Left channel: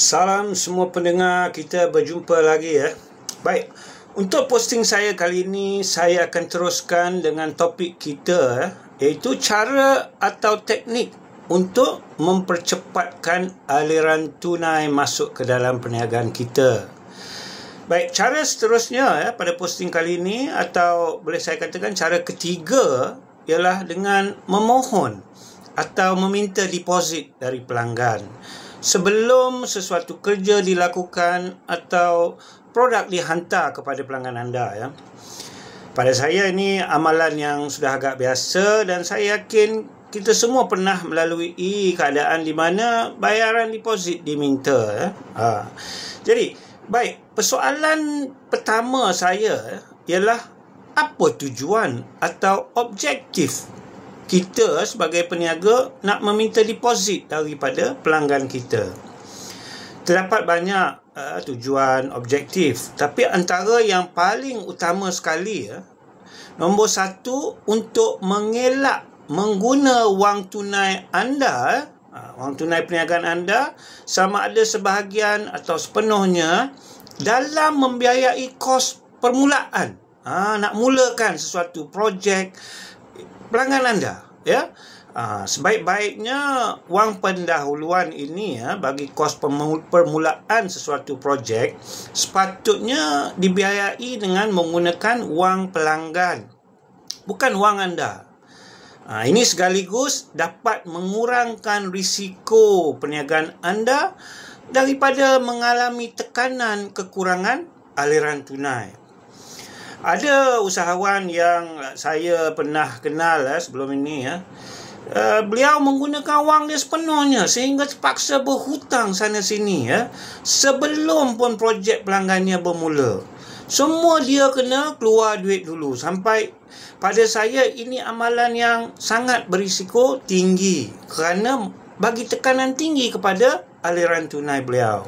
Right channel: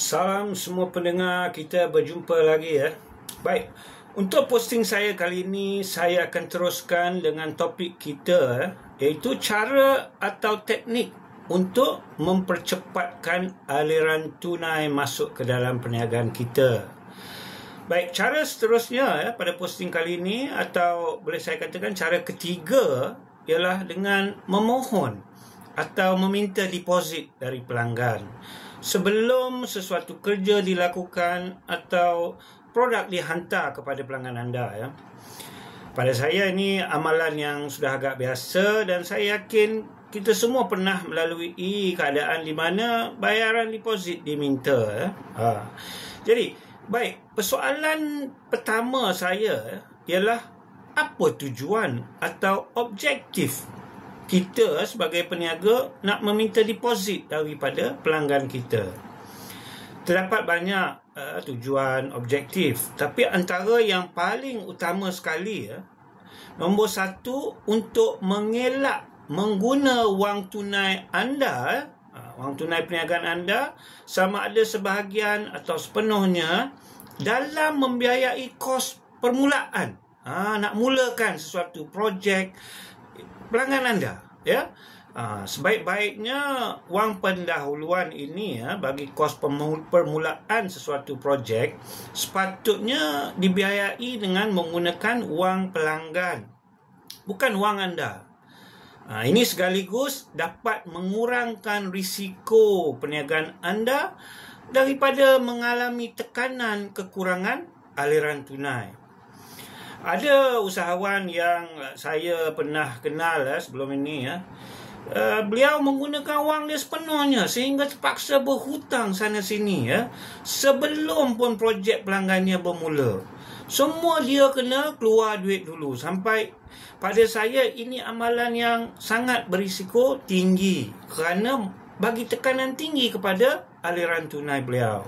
Salam semua pendengar, kita berjumpa lagi ya. Baik, untuk posting saya kali ini, saya akan teruskan dengan topik kita, iaitu cara atau teknik untuk mempercepatkan aliran tunai masuk ke dalam perniagaan kita. Baik, cara seterusnya pada posting kali ini, atau boleh saya katakan cara ketiga, ialah dengan memohon atau meminta deposit dari pelanggan sebelum sesuatu kerja dilakukan atau produk dihantar kepada pelanggan anda ya. Pada saya ini amalan yang sudah agak biasa, dan saya yakin kita semua pernah melalui keadaan di mana bayaran deposit diminta ya. Jadi, baik, persoalan pertama saya ialah apa tujuan atau objektif kita sebagai peniaga nak meminta deposit daripada pelanggan kita. Terdapat banyak tujuan objektif, tapi antara yang paling utama sekali nombor satu, untuk mengelak mengguna wang tunai anda, wang tunai perniagaan anda, sama ada sebahagian atau sepenuhnya dalam membiayai kos permulaan. Nak mulakan sesuatu projek pelanggan anda ya. Sebaik-baiknya wang pendahuluan ini bagi kos permulaan sesuatu projek sepatutnya dibiayai dengan menggunakan wang pelanggan, bukan wang anda. Ini sekaligus dapat mengurangkan risiko perniagaan anda daripada mengalami tekanan kekurangan aliran tunai. Ada usahawan yang saya pernah kenal sebelum ini beliau menggunakan wang dia sepenuhnya sehingga terpaksa berhutang sana sini sebelum pun projek pelanggannya bermula. Semua dia kena keluar duit dulu. Sampai pada saya ini amalan yang sangat berisiko tinggi kerana bagi tekanan tinggi kepada aliran tunai beliau.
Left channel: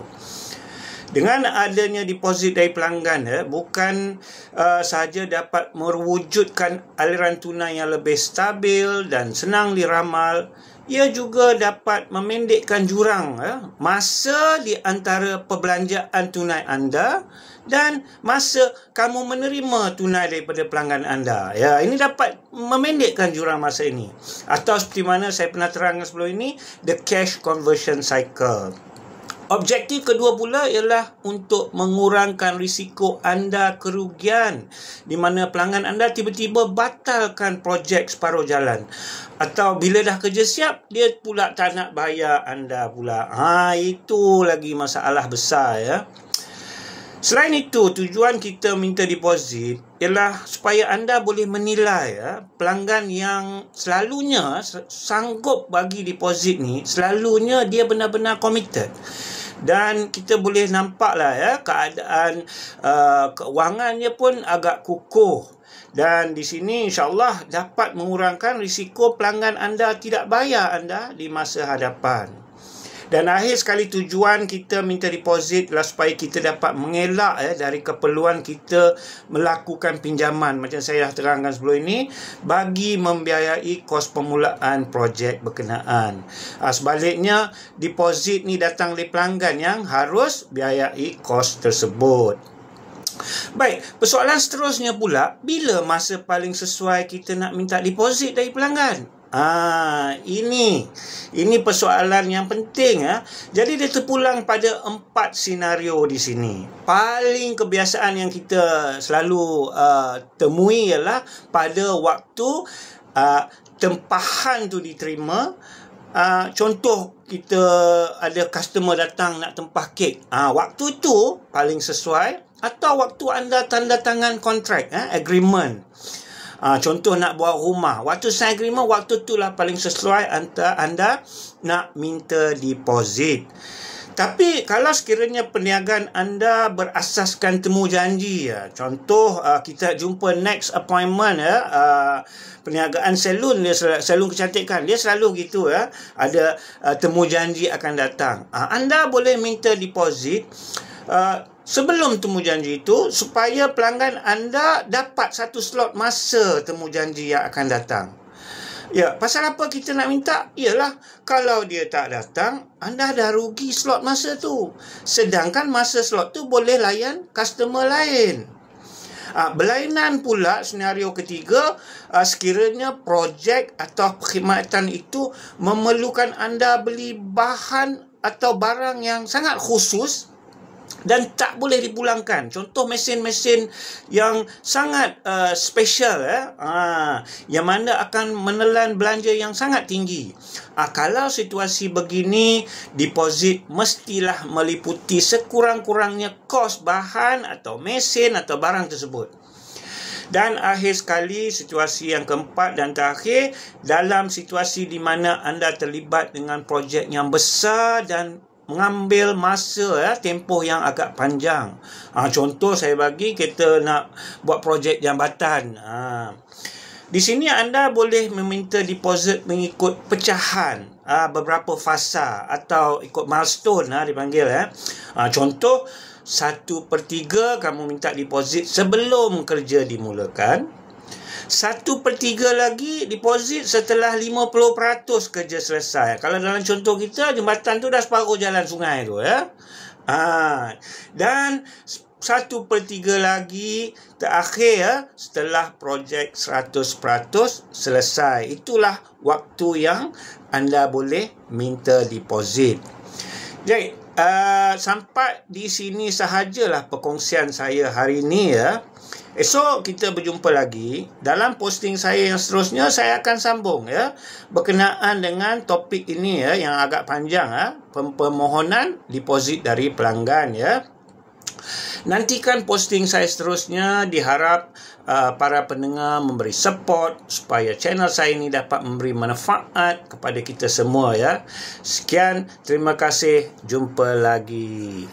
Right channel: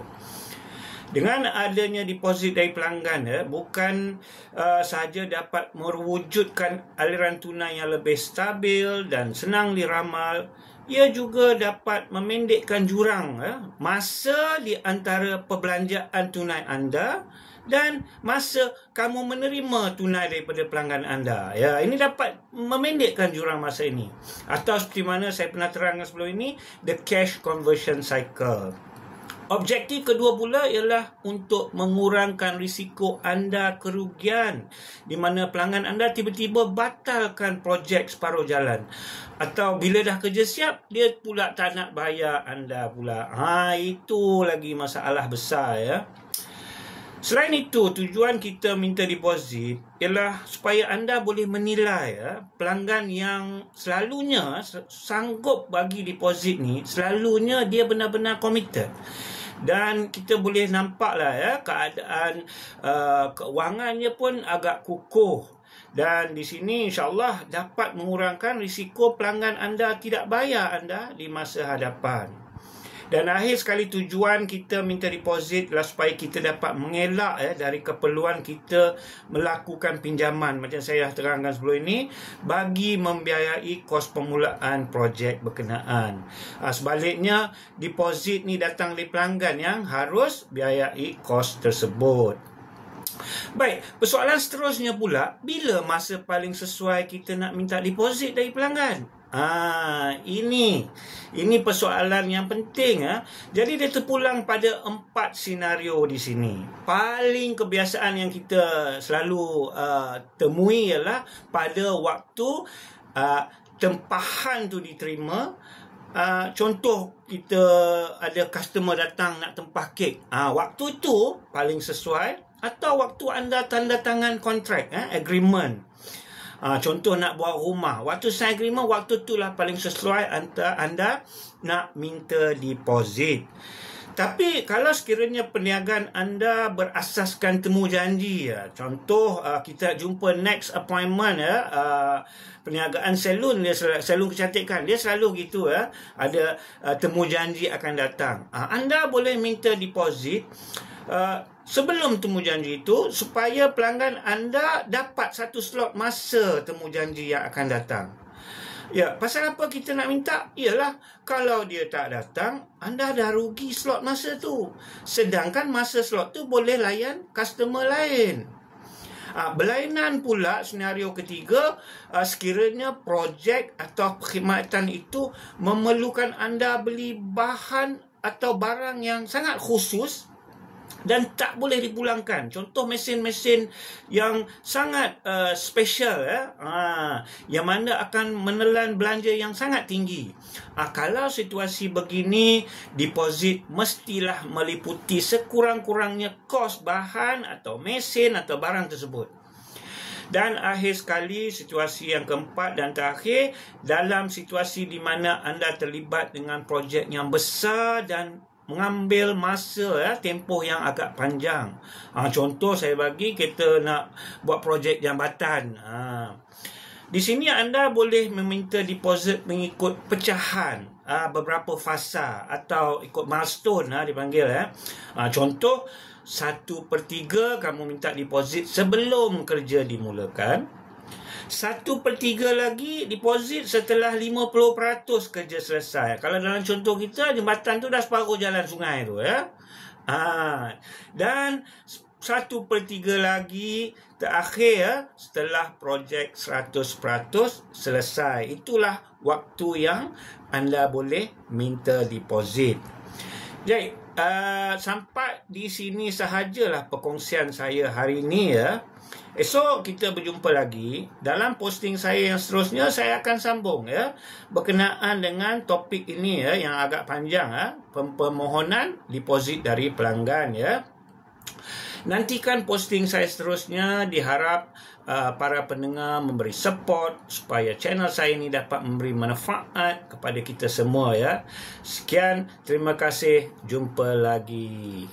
Dengan adanya deposit dari pelanggan bukan sahaja dapat mewujudkan aliran tunai yang lebih stabil dan senang diramal, ia juga dapat memendekkan jurang masa di antara perbelanjaan tunai anda dan masa kamu menerima tunai daripada pelanggan anda. Ini dapat memendekkan jurang masa ini. Atau seperti mana saya pernah terangkan sebelum ini, the cash conversion cycle. Objektif kedua pula ialah untuk mengurangkan risiko anda kerugian di mana pelanggan anda tiba-tiba batalkan projek separuh jalan, atau bila dah kerja siap dia pula tak nak bayar anda pula. Itu lagi masalah besar ya. Selain itu, tujuan kita minta deposit ialah supaya anda boleh menilai pelanggan yang selalunya sanggup bagi deposit ni, selalunya dia benar-benar committed. Dan kita boleh nampaklah keadaan keuangannya pun agak kukuh. Dan di sini insya-Allah dapat mengurangkan risiko pelanggan anda tidak bayar anda di masa hadapan. Dan akhir sekali, tujuan kita minta deposit adalah supaya kita dapat mengelak dari keperluan kita melakukan pinjaman, macam saya dah terangkan sebelum ini, bagi membiayai kos permulaan projek berkenaan. Sebaliknya, deposit ni datang dari pelanggan yang harus biayai kos tersebut. Baik, persoalan seterusnya pula, bila masa paling sesuai kita nak minta deposit dari pelanggan? Ini persoalan yang penting Jadi dia terpulang pada 4 senario di sini. Paling kebiasaan yang kita selalu temui ialah pada waktu tempahan tu diterima. Contoh, kita ada customer datang nak tempah kek. Waktu tu paling sesuai. Atau waktu anda tanda tangan kontrak, agreement. Contoh nak buat rumah, waktu sign agreement, waktu itulah paling sesuai anda nak minta deposit. Tapi kalau sekiranya perniagaan anda berasaskan temu janji, contoh kita jumpa next appointment, perniagaan salon kecantikan, dia selalu gitu ada temu janji akan datang. Anda boleh minta deposit sebelum temu janji itu supaya pelanggan anda dapat satu slot masa temu janji yang akan datang. Ya, pasal apa kita nak minta? Ialah kalau dia tak datang, anda dah rugi slot masa tu. Sedangkan masa slot tu boleh layan customer lain. Berlainan pula senario ketiga, sekiranya projek atau perkhidmatan itu memerlukan anda beli bahan atau barang yang sangat khusus dan tak boleh dipulangkan. Contoh mesin-mesin yang sangat special, yang mana akan menelan belanja yang sangat tinggi. Kalau situasi begini, deposit mestilah meliputi sekurang-kurangnya kos bahan atau mesin atau barang tersebut. Dan akhir sekali, situasi yang keempat dan terakhir, dalam situasi di mana anda terlibat dengan projek yang besar dan mengambil masa tempoh yang agak panjang. Contoh saya bagi, kita nak buat projek jambatan. Di sini anda boleh meminta deposit mengikut pecahan, beberapa fasa atau ikut milestone dipanggil. Contoh 1/3 kamu minta deposit sebelum kerja dimulakan. 1/3 lagi deposit setelah 50% kerja selesai. Kalau dalam contoh kita, jambatan tu dah separuh jalan sungai tu, ya. Dan 1/3 lagi terakhir setelah projek 100% selesai. Itulah waktu yang anda boleh minta deposit. Jadi, sampai di sini sahajalah perkongsian saya hari ini, ya. Esok kita berjumpa lagi. Dalam posting saya yang seterusnya, saya akan sambung, ya, berkenaan dengan topik ini, ya, yang agak panjang, permohonan deposit dari pelanggan, ya. Nantikan posting saya seterusnya. Diharap para pendengar memberi support supaya channel saya ini dapat memberi manfaat kepada kita semua, ya. Sekian, terima kasih, jumpa lagi.